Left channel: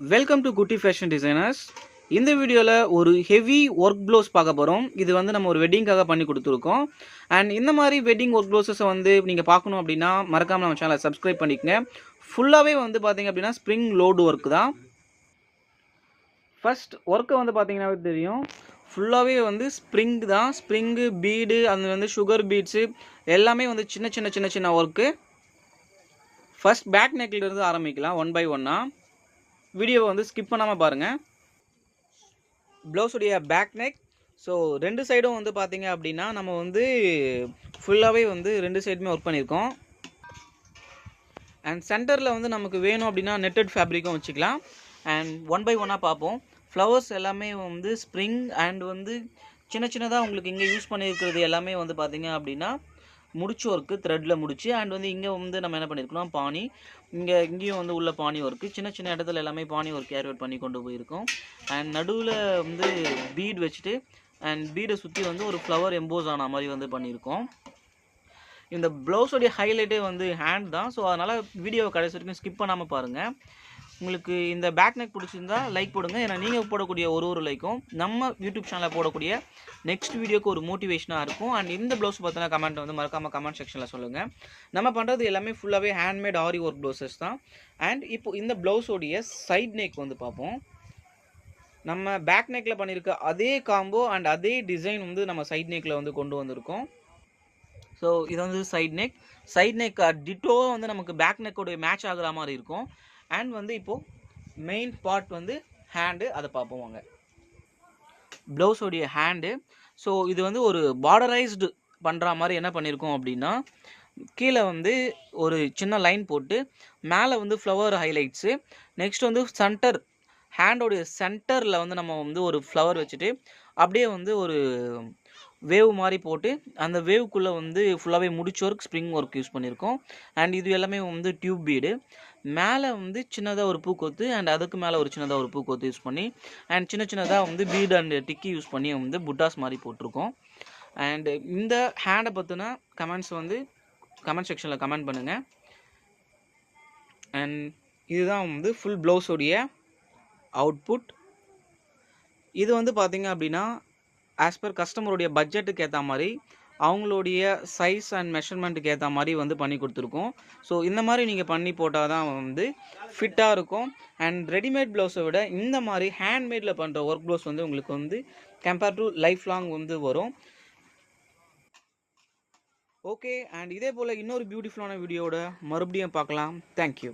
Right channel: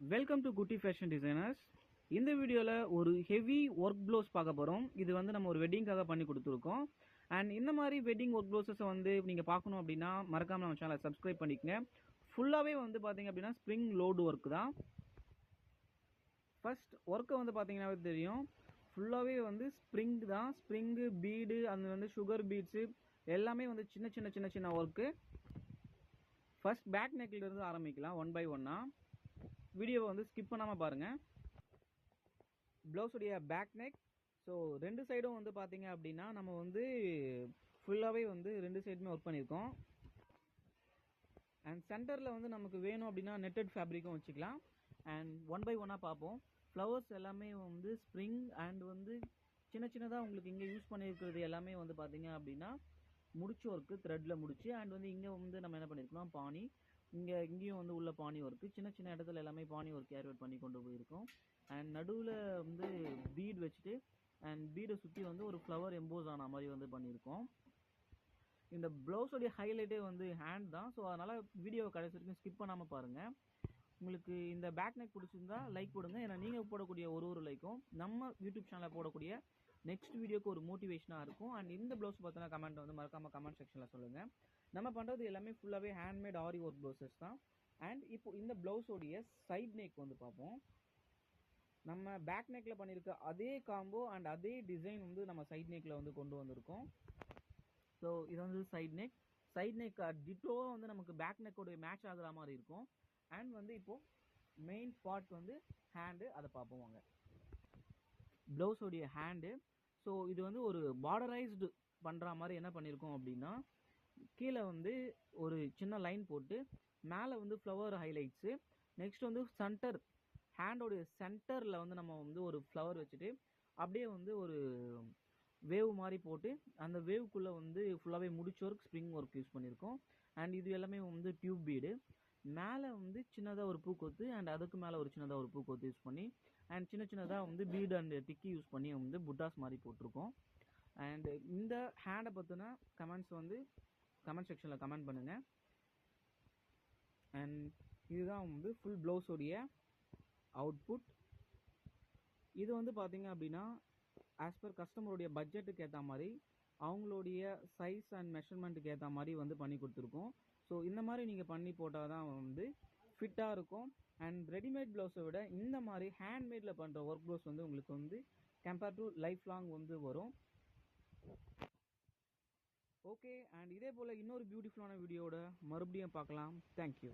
Welcome to குட்டி fashion designers. இந்த வீடியோவில் ஒரு ஹெவி ஒர்க் ப்ளவுஸ் பார்க்க போகிறோம். இது வந்து நம்ம ஒரு வெட்டிங்காக பண்ணி கொடுத்துருக்கோம். அண்ட் இந்த மாதிரி வெட்டிங் ஒர்க் ப்ளவுஸஸை வந்து நீங்கள் பார்க்கணும் அப்படின்னா மறக்காமல் நம்ம சேனலை சப்ஸ்கிரைப் பண்ணிக்கங்க. ஃபுல்லாகவே வந்து பார்த்தீங்க அப்படின்னா ஸ்ப்ரிங் லோடு ஒர்க் தான். ஃபர்ஸ்ட் ஒர்க்கை வந்து பார்த்தீங்கன்னாவே தெரியும், ஃபுல்லாகவே வந்து ஸ்ப்ரிங் தான். ஸ்ப்ரிங்கு பீடு அது வந்து சுகர் பீட்ஸு எல்லாமே வந்து சின்ன சின்ன சின்ன சின்ன ஒர்க்கு. ஃபர்ஸ்ட் பேக் நெக்லேருந்து ஆரம்பிக்கலாம் ஒன் பை ஒன்னாக. வீடியோவை வந்து ஸ்கிப் பண்ணாமல் பாருங்கள். ப்ளவுஸுடைய பேக் நெக். ஸோ ரெண்டு சைடும் வந்து பார்த்தீங்க அப்படின்னா நம்ம வந்து ஃபுல்லாகவே வந்து ரெண்டு சைடுமே ஒர்க் பண்ணியிருக்கோம். அண்ட் சென்டரில் வந்து நமக்கு வேணும் அப்படின்னா நெட்டட் ஃபேப்ரிக்கும் வச்சுக்கலாம். அண்ட் ஒன் பை ஒன்னாக பார்ப்போம். ஃப்ளவர்ஸ் எல்லாமே வந்து ஸ்ப்ரிங் அண்ட் வந்து சின்ன சின்னதாக உங்களுக்கு இங்கே யூஸ் பண்ணியிருக்கிறது எல்லாமே வந்து பார்த்தீங்க அப்படின்னா முடிச்சு ஒர்க்கு த்ரெட்டில் முடிச்சு. அண்ட் வந்து இங்கே வந்து நம்ம என்ன பண்ணியிருக்கோம், பானி. இங்கேயும் வந்து உள்ள பானி ஒர்க்கு, சின்ன சின்ன இடத்துல எல்லாமே பானி ஒர்க் கேரி அவுட் பண்ணி கொண்டு போயிருக்கோம். அண்ட் நடுவில் வந்து பீட் வச்சுட்டு அண்ட் பீடை சுற்றி வந்து ஒரு ஃப்ளவர் எம்போஸ் ஆன மாதிரி வந்து பண்ணியிருக்கோம். இந்த ப்ளவுஸோடைய ஹைலைட்டே வந்து ஹேண்ட் தான். ஸோ அதனால் வீடியோவை கடைசி வரைக்கும் ஸ்கிப் பண்ணாமல் பாருங்கள். உங்களுக்கு இந்த பேக் நெக் பிடிச்சிருந்தா லைக் போடுங்க. ஏன்னா நீங்கள் போடக்கூடிய ஒரு லைக்கும் நம்ம யூடியூப் சேனலில் போடக்கூடிய நெக்ஸ்ட் வீடியோக்கு ஒரு மோட்டிவேஷனாக இருக்கும். அண்ட் இந்த ப்ளவுஸ் பார்த்தீங்கன்னா கமெண்ட் வந்து மறக்காமல் கமெண்ட் செக்ஷனில் சொல்லுங்கள். நம்ம பண்ணுறது எல்லாமே ஃபுல்லாகவே ஹேண்ட்மேட் ஆரி ஒர்க் ப்ளவுசஸ் தான். அண்ட் இப்போ இந்த ப்ளவுஸோடைய சைட் நெக் வந்து பார்ப்போம். நம்ம பேக் நெக்கில் பண்ணியிருக்க அதே காம்போ அண்ட் அதே டிசைன் வந்து நம்ம சைட் நெக்கில் வந்து கொண்டு வந்திருக்கோம். ஸோ இது வந்து சைட் நெக் டிட்டோவாக வந்து நமக்கு பேக் நெக்கோடைய மேட்ச் ஆகிற மாதிரி இருக்கும். அண்ட் வந்து இப்போது மெயின் பார்ட் வந்து ஹேண்டு, அதை பார்ப்போம் வாங்க. ப்ளவுஸோடைய ஹேண்டு. ஸோ இது வந்து ஒரு பார்டரைஸ்டு பண்ணுற மாதிரி என்ன பண்ணியிருக்கோம் அப்படின்னா, கீழே வந்து ஒரு சின்ன லைன் போட்டு மேலே வந்து ஃப்ளவர் ஹைலைட்ஸு, நெக்ஸ்ட் வந்து சென்டர் ஹேண்டோடைய சென்டரில் வந்து நம்ம வந்து ஒரு ஃப்ளவர் வச்சுட்டு அப்படியே வந்து ஒரு வேவ் மாதிரி போட்டு அந்த வேவுக்குள்ளே வந்து ஃபுல்லாகவே முடிச்ச ஒர்க் ஸ்ப்ரிங் ஒர்க் யூஸ் பண்ணியிருக்கோம். அண்ட் இது எல்லாமே வந்து டியூப் பீடு. மேலே வந்து சின்னதாக ஒரு பூக்கொத்து அண்ட் அதுக்கு மேலே ஒரு சின்னதாக ஒரு பூக்கொத்து யூஸ் பண்ணி அண்ட் சின்ன சின்னதாக வந்து பீடு அண்ட் டிக்கி யூஸ் பண்ணி வந்து புட்டாஸ் மாதிரி போட்டிருக்கோம். அண்டு இந்த ஹேண்டை பற்றின கமெண்ட்ஸ் வந்து கமெண்ட் செக்ஷனில் கமெண்ட் பண்ணுங்கள். அண்ட் இதுதான் வந்து ஃபுல் ப்ளவுஸோடைய அவுட்புட். இது வந்து பார்த்திங்க அப்படின்னா ஆஸ் பர் கஸ்டமருடைய பட்ஜெட்டுக்கு ஏற்ற மாதிரி அவங்களுடைய சைஸ் அண்ட் மெஷர்மெண்ட்டுக்கு ஏற்ற மாதிரி வந்து பண்ணி கொடுத்துருக்கோம். ஸோ இந்த மாதிரி நீங்கள் பண்ணி போட்டால் தான் வந்து ஃபிட்டாக இருக்கும். அண்ட் ரெடிமேட் ப்ளவுஸை விட இந்த மாதிரி ஹேண்ட்மேடில் பண்ணுற ஒர்க் ப்ளவுஸ் வந்து உங்களுக்கு வந்து கம்பேர் டு லைஃப் லாங் வந்து வரும். ஓகே, அண்ட் இதே போல் இன்னொரு பியூட்டிஃபுல்லான வீடியோவோட மறுபடியும் பார்க்கலாம். தேங்க்யூ.